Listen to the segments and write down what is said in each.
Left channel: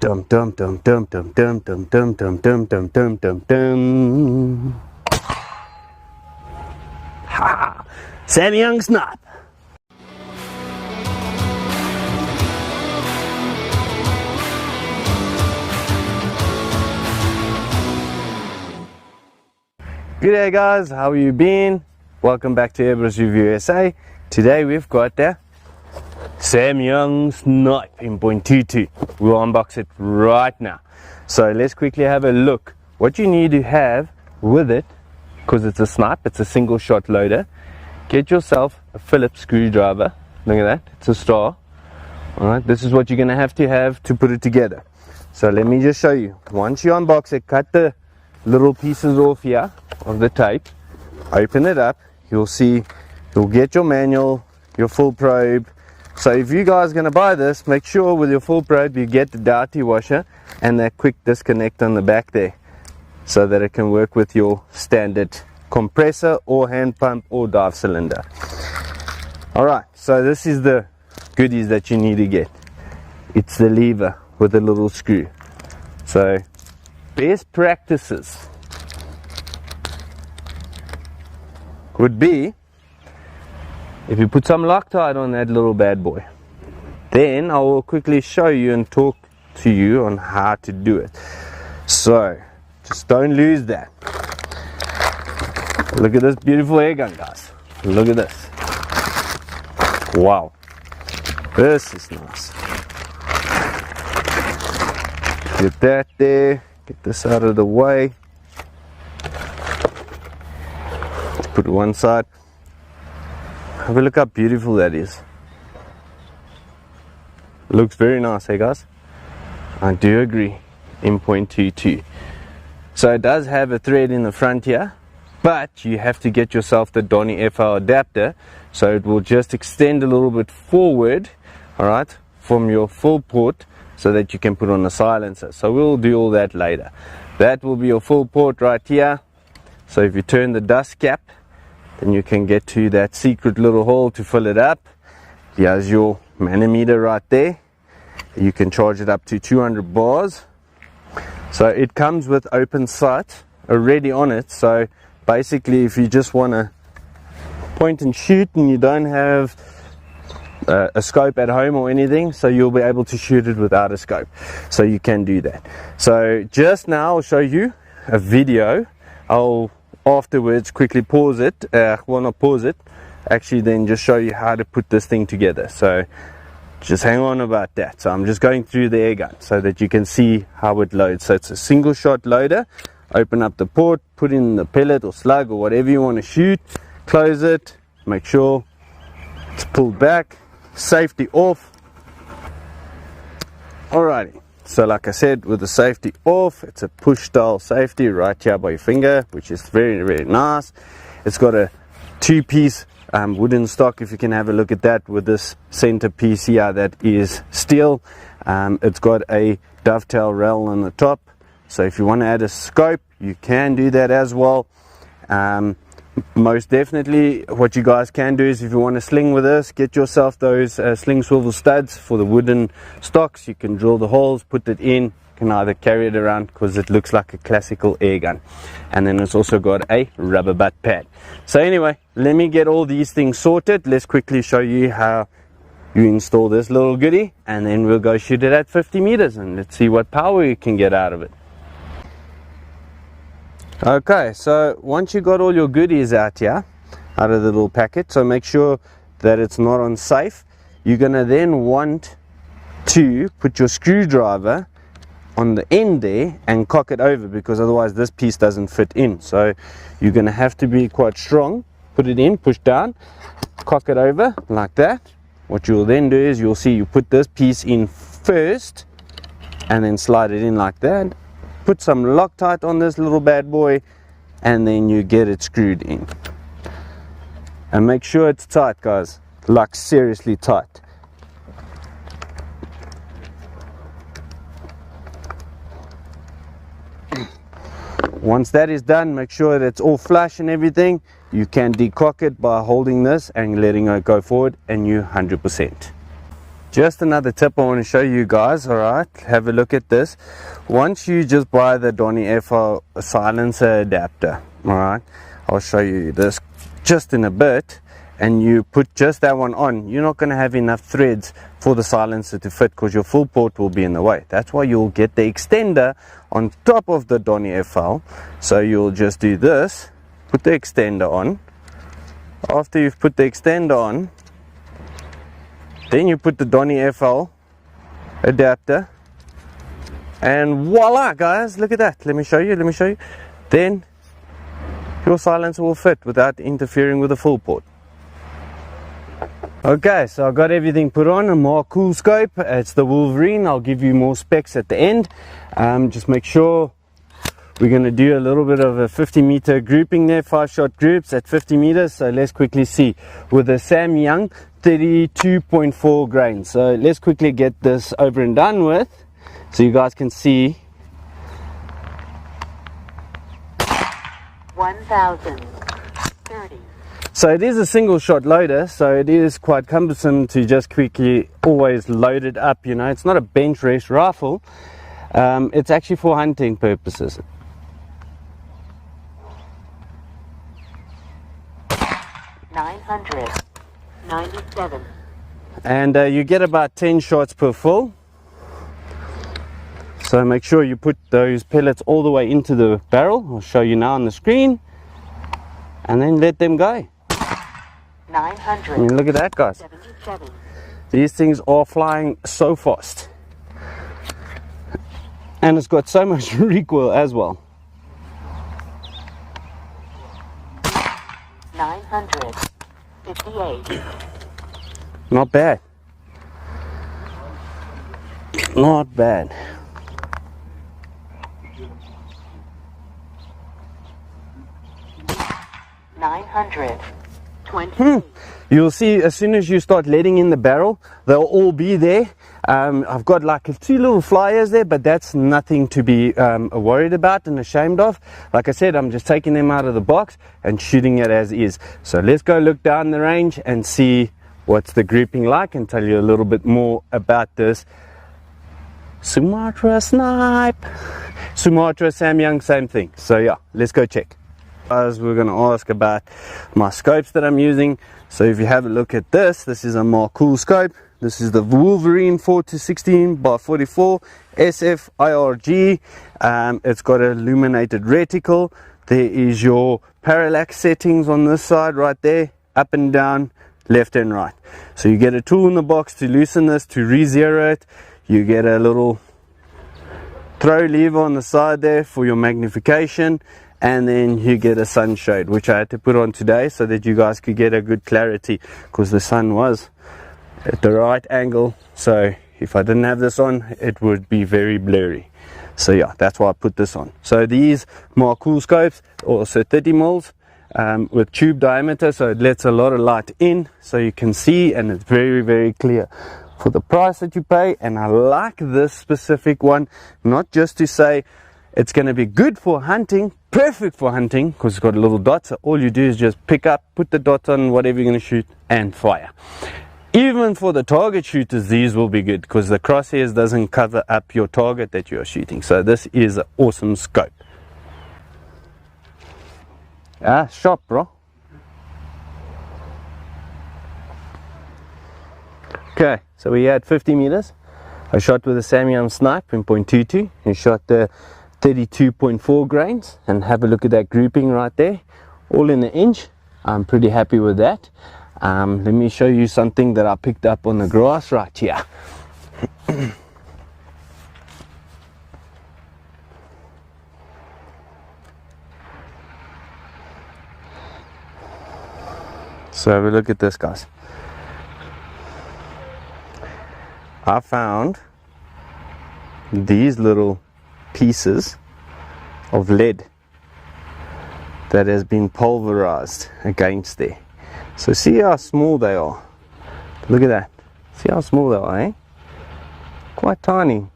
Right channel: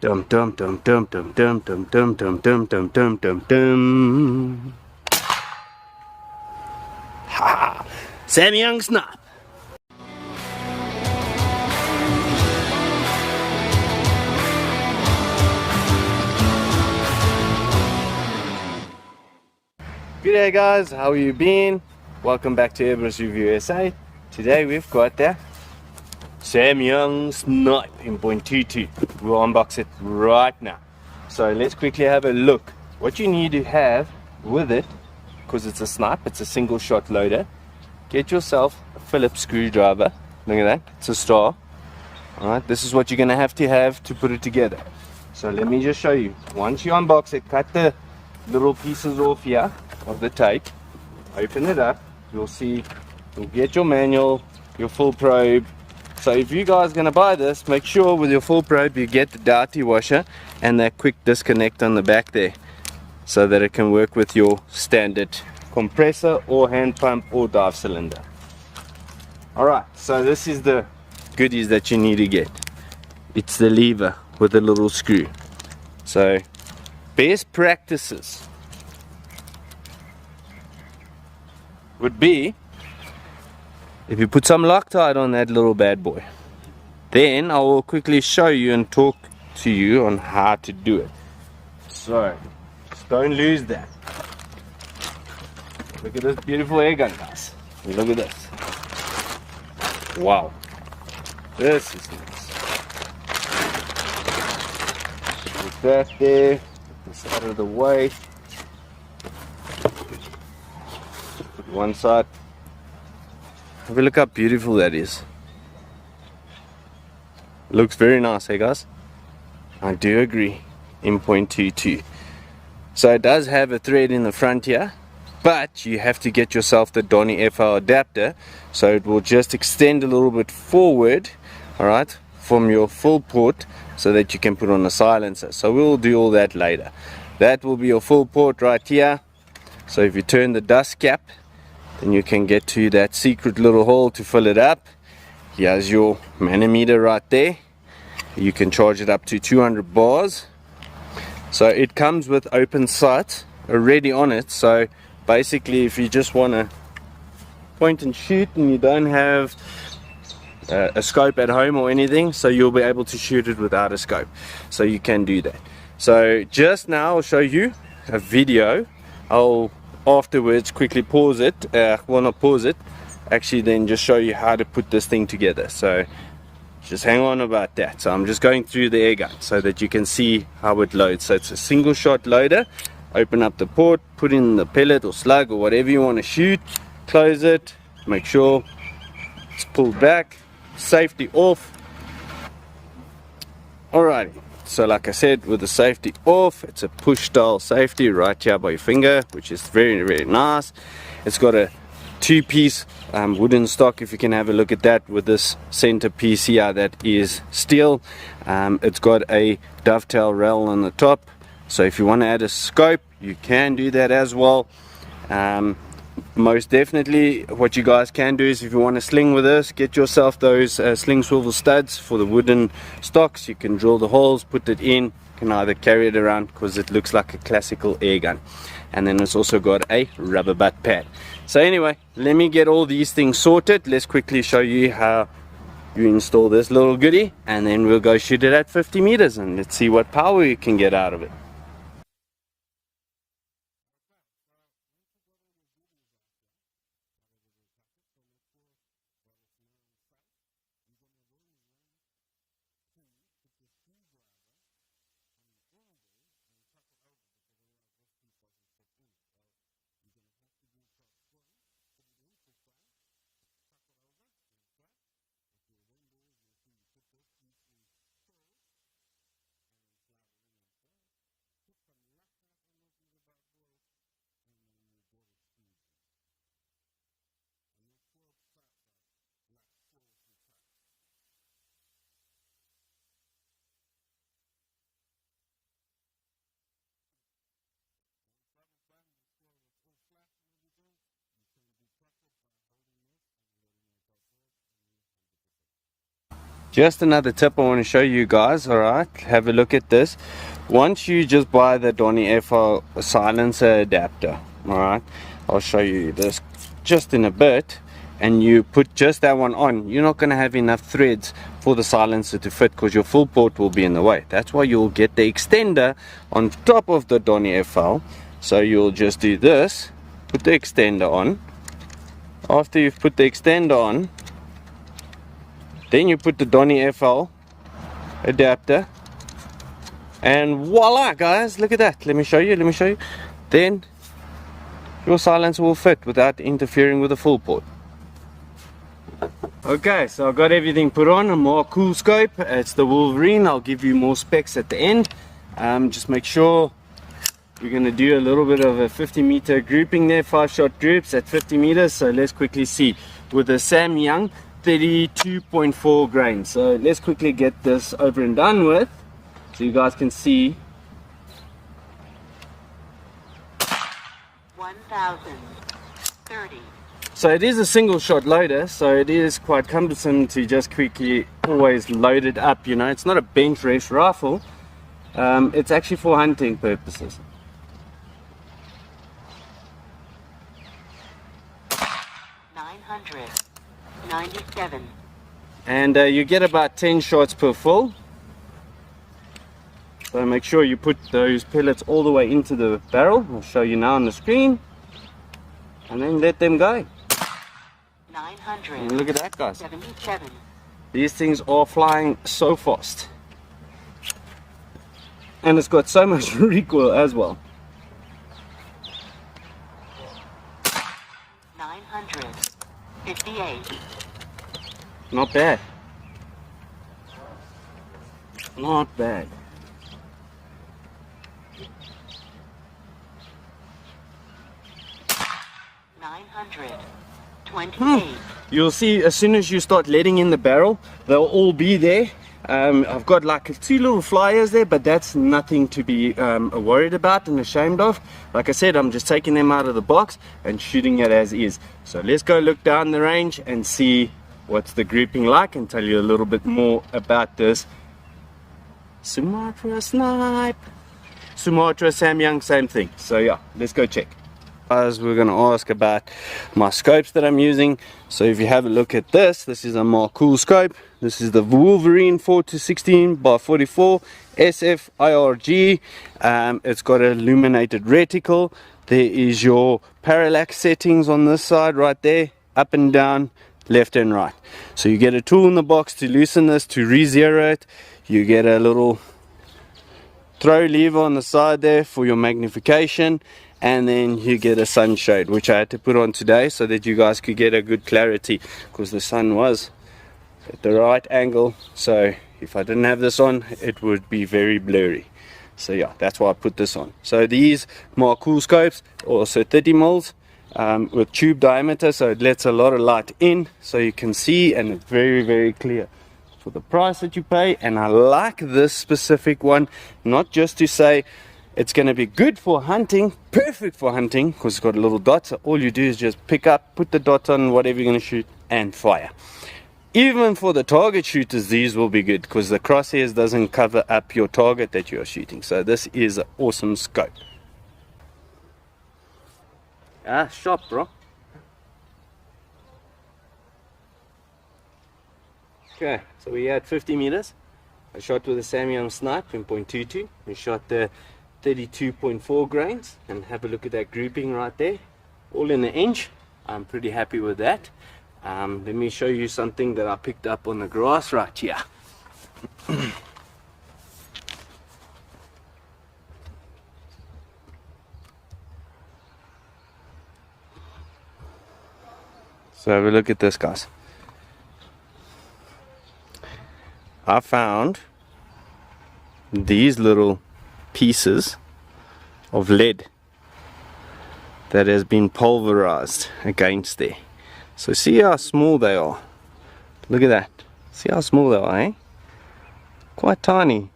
Dum dum dum dum dum dum dum dum dum dum dum dum dum dum. Ha! Samyang SNIPE. G'day guys, how you been? Welcome back to Everest Review SA. Today we've got the Samyang SNIPE in .22. We'll unbox it right now. So let's quickly have a look. What you need to have with it, because it's a snipe, it's a single shot loader, get yourself a Phillips screwdriver. Look at that, it's a star. Alright, this is what you're going to have to put it together. So let me just show you. Once you unbox it, cut the little pieces off here of the tape, open it up, you'll see, you'll get your manual, your full probe. So if you guys are going to buy this, make sure with your full probe you get the dirty washer and that quick disconnect on the back there, so that it can work with your standard compressor or hand pump or dive cylinder. Alright, so this is the goodies that you need to get. It's the lever with a little screw. So best practices would be if you put some Loctite on that little bad boy. Then I will quickly show you and talk to you on how to do it. So just don't lose that. Look at this beautiful air gun, guys. Look at this. Wow, this is nice. Get that there. Get this out of the way. Let's put it one side. Have a look how beautiful that is. Looks very nice, hey guys? I do agree. In .22. So it does have a thread in the front here, but you have to get yourself the Donny FO adapter, so it will just extend a little bit forward, alright, from your full port, so that you can put on a silencer. So we'll do all that later. That will be your full port right here. So if you turn the dust cap, then you can get to that secret little hole to fill it up. Here's your manometer right there. You can charge it up to 200 bars. So it comes with open sight already on it. So basically if you just want to point and shoot and you don't have a scope at home or anything, so you'll be able to shoot it without a scope, so you can do that. So just now I'll show you a video. I'll afterwards quickly pause it, well, not pause it, actually then just show you how to put this thing together. So just hang on about that. So I'm just going through the air gun so that you can see how it loads. So it's a single shot loader. Open up the port, put in the pellet or slug or whatever you want to shoot, close it, make sure it's pulled back, safety off. Alrighty, so like I said, with the safety off, it's a push style safety right here by your finger, which is very, very nice. It's got a two-piece wooden stock, if you can have a look at that, with this center piece here that is steel. It's got a dovetail rail on the top, so if you want to add a scope, you can do that as well. Most definitely what you guys can do is, if you want to sling with this, get yourself those sling swivel studs for the wooden stocks. You can drill the holes, put it in, you can either carry it around because it looks like a classical air gun. And then it's also got a rubber butt pad. So anyway, let me get all these things sorted. Let's quickly show you how you install this little goodie, and then we'll go shoot it at 50 meters and let's see what power you can get out of it. Okay, so once you got all your goodies out here, out of the little packet, so make sure that it's not on safe. You're gonna then want to put your screwdriver on the end there and cock it over, because otherwise this piece doesn't fit in. So you're gonna have to be quite strong. Put it in, push down, cock it over like that. What you'll then do is, you'll see you put this piece in first and then slide it in like that. Put some Loctite on this little bad boy and then you get it screwed in. And make sure it's tight, guys, like seriously tight. Once that is done, make sure that it's all flush and everything. You can decock it by holding this and letting it go forward, and you're 100%. Just another tip I want to show you guys. Alright, have a look at this. Once you just buy the Donny Airfile silencer adapter, alright, I'll show you this just in a bit, and you put just that one on, you're not going to have enough threads for the silencer to fit because your full port will be in the way. That's why you'll get the extender on top of the Donny Airfile. So you'll just do this, put the extender on. After you've put the extender on, then you put the Donny Airfile adapter, and voila guys, look at that. Let me show you. Then your silencer will fit without interfering with the full port. Okay, so I've got everything put on, a more cool scope. It's the Wolverine. I'll give you more specs at the end. Just make sure we're going to do a little bit of a 50-meter grouping there, 5-shot groups at 50 meters. So let's quickly see with the Samyang 32.4 grains. So let's quickly get this over and done with so you guys can see. 1030. So it is a single shot loader, so it is quite cumbersome to just quickly always load it up, you know. It's not a bench rest rifle. It's actually for hunting purposes. 997. And you get about 10 shots per full. So make sure you put those pellets all the way into the barrel. I'll show you now on the screen. And then let them go. 900. I mean, look at that, guys. 77. These things are flying so fast. And it's got so much recoil as well. 958. Not bad. Not bad. You'll see as soon as you start letting in the barrel, they'll all be there. I've got like 2 little flyers there, but that's nothing to be worried about and ashamed of. Like I said, I'm just taking them out of the box and shooting it as is. So let's go look down the range and see what's the grouping like, and tell you a little bit more about this Sumatra SNIPE. Sumatra, Samyang, same thing. So yeah, let's go check. Guys, we're going to ask about my scopes that I'm using. So if you have a look at this, this is a more cool scope. This is the Wolverine 4-16 by 44 SF IRG. It's got an illuminated reticle. There is your parallax settings on this side right there, up and down, left and right. So you get a tool in the box to loosen this, to re-zero it. You get a little throw lever on the side there for your magnification, and then you get a sunshade, which I had to put on today so that you guys could get a good clarity, because the sun was at the right angle. So if I didn't have this on, it would be very blurry. So yeah, that's why I put this on. So these more cool scopes, also 30 mils with tube diameter, so it lets a lot of light in so you can see, and it's very, very clear for the price that you pay. And I like this specific one, not just to say it's going to be good for hunting, perfect for hunting, because it's got a little dot. So all you do is just pick up, put the dot on whatever you're going to shoot, and fire. Even for the target shooters, these will be good, because the crosshairs doesn't cover up your target that you are shooting. So this is an awesome scope. Shot, bro. Okay, so we had 50 meters. I shot with a Samyang SNIPE in .22 and shot the 32.4 grains, and have a look at that grouping right there, all in an inch. I'm pretty happy with that. Let me show you something that I picked up on the grass right here. So have a look at this, guys. I found these little pieces of lead that has been pulverized against there. So see how small they are. Look at that. See how small they are, eh? Quite tiny.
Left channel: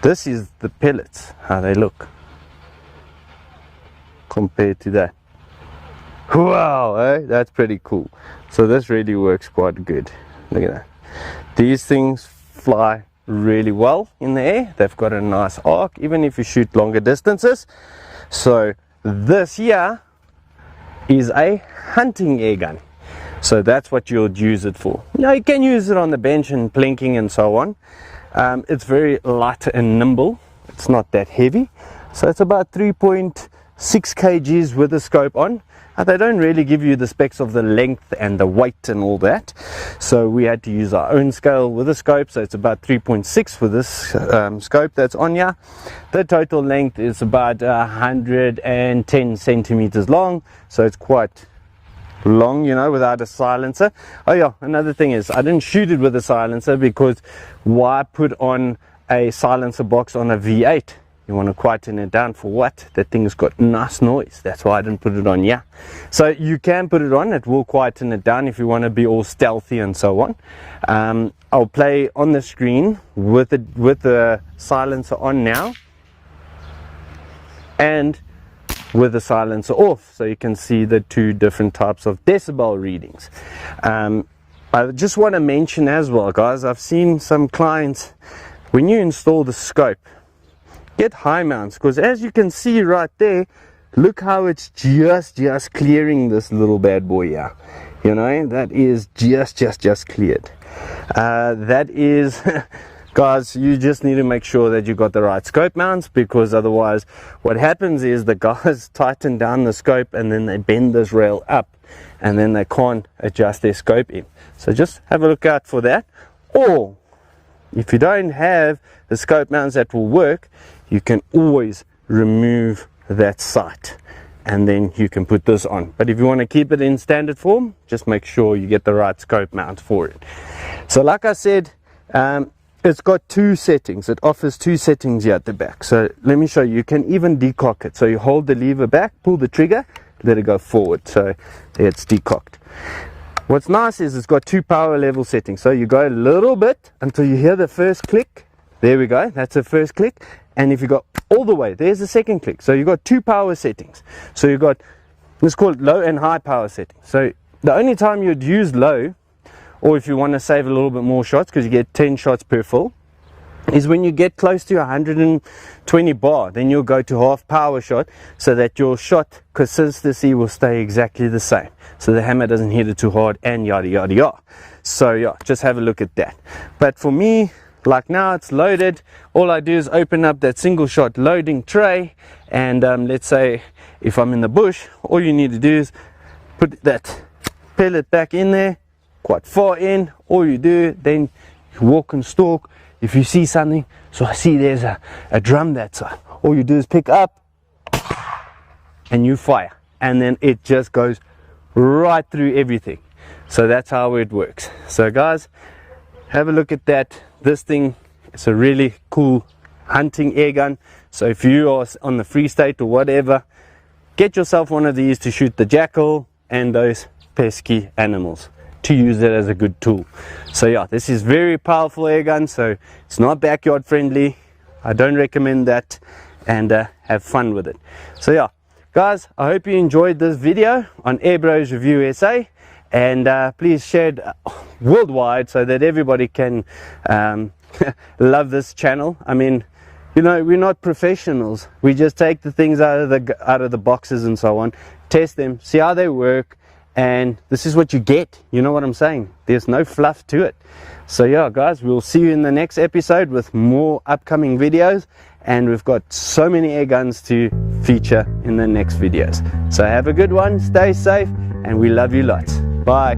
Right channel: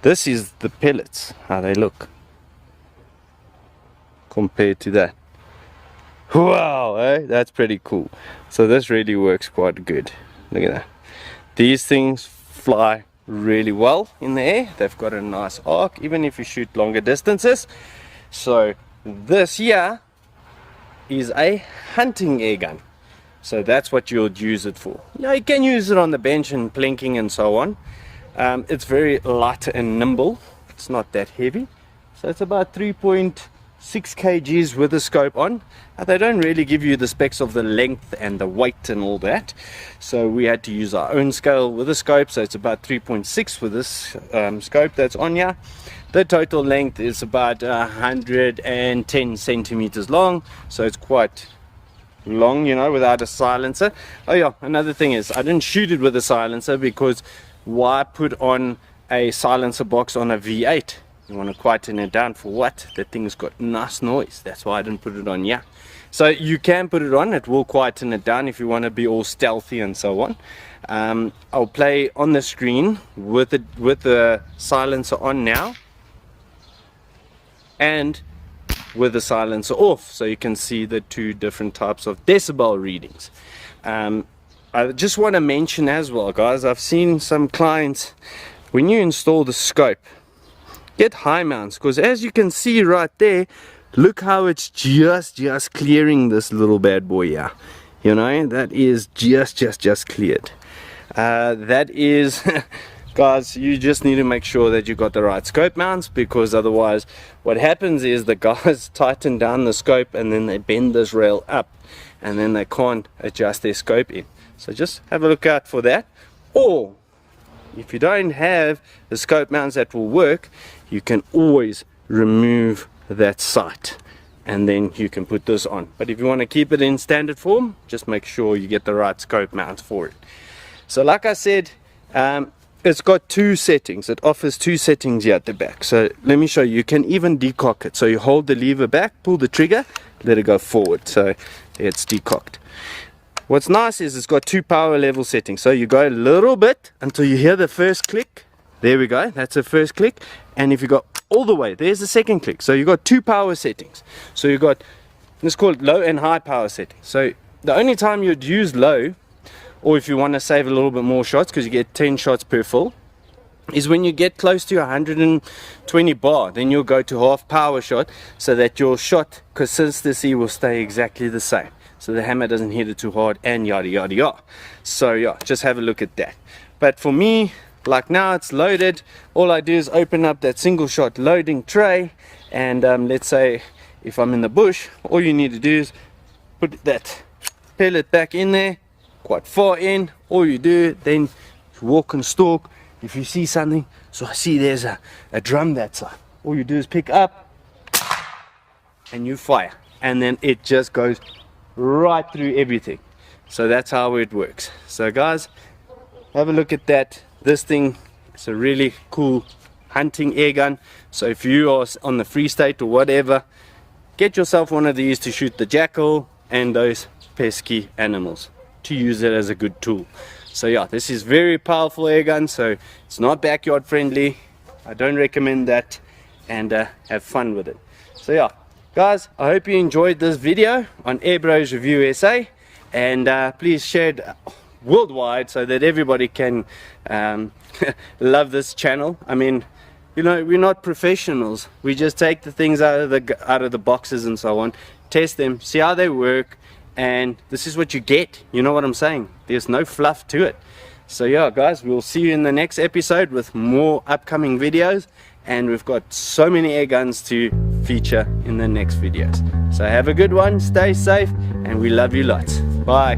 This is the pellets, how they look compared to that. Wow, eh? That's pretty cool. So this really works quite good. Look at that. These things fly really well in the air. They've got a nice arc, even if you shoot longer distances. So this here is a hunting air gun. So that's what you'll use it for. Now you can use it on the bench and plinking and so on. It's very light and nimble. It's not that heavy. So it's about 3.6 kgs with the scope on. They don't really give you the specs of the length and the weight and all that. So we had to use our own scale with the scope. So it's about 3.6 with this scope that's on here. The total length is about 110 centimeters long. So it's quite long, you know, without a silencer. Oh yeah, another thing is I didn't shoot it with a silencer because why put on a silencer box on a V8? You want to quieten it down for what? That thing's got nice noise. That's why I didn't put it on. Yeah, so you can put it on. It will quieten it down if you want to be all stealthy and so on. I'll play on the screen with the silencer on now and with the silencer off, so you can see the two different types of decibel readings. I just want to mention as well, guys, I've seen some clients, when you install the scope, get high mounts, because as you can see right there, look how it's just clearing this little bad boy here. You know, that is just cleared. That is guys, you just need to make sure that you got the right scope mounts, because otherwise what happens is the guys tighten down the scope and then they bend this rail up and then they can't adjust their scope in. So just have a look out for that. Or if you don't have the scope mounts that will work, you can always remove that sight and then you can put this on. But if you want to keep it in standard form, just make sure you get the right scope mount for it. So like I said, it's got two settings. It offers two settings here at the back. So let me show you. You can even decock it. So you hold the lever back, pull the trigger, let it go forward. So it's decocked. What's nice is it's got two power level settings. So you go a little bit until you hear the first click. There we go. That's the first click. And if you go all the way, there's the second click. So you got two power settings. So you got, let's call it low and high power settings. So the only time you'd use low, or if you want to save a little bit more shots, because you get 10 shots per full, is when you get close to 120 bar, then you'll go to half power shot, so that your shot consistency will stay exactly the same, so the hammer doesn't hit it too hard and yada yada yada. So yeah, just have a look at that. But for me, like now it's loaded, all I do is open up that single shot loading tray, and let's say if I'm in the bush, all you need to do is put that pellet back in there, quite far in. All you do, then you walk and stalk. If you see something, so I see there's a drum that side, all you do is pick up and you fire, and then it just goes right through everything. So that's how it works. So guys, have a look at that. This thing is a really cool hunting air gun. So if you are on the Free State or whatever, get yourself one of these to shoot the jackal and those pesky animals, to use it as a good tool. So yeah, this is very powerful air gun, so it's not backyard friendly. I don't recommend that, and have fun with it. So yeah, guys, I hope you enjoyed this video on Air Bros Review SA, and please share it worldwide so that everybody can love this channel. I mean, you know, we're not professionals. We just take the things out of the boxes and so on, test them, see how they work, and this is what you get. You know what I'm saying? There's no fluff to it. So yeah, guys, we'll see you in the next episode with more upcoming videos, and we've got so many air guns to feature in the next videos. So have a good one, stay safe, and we love you lots. Bye.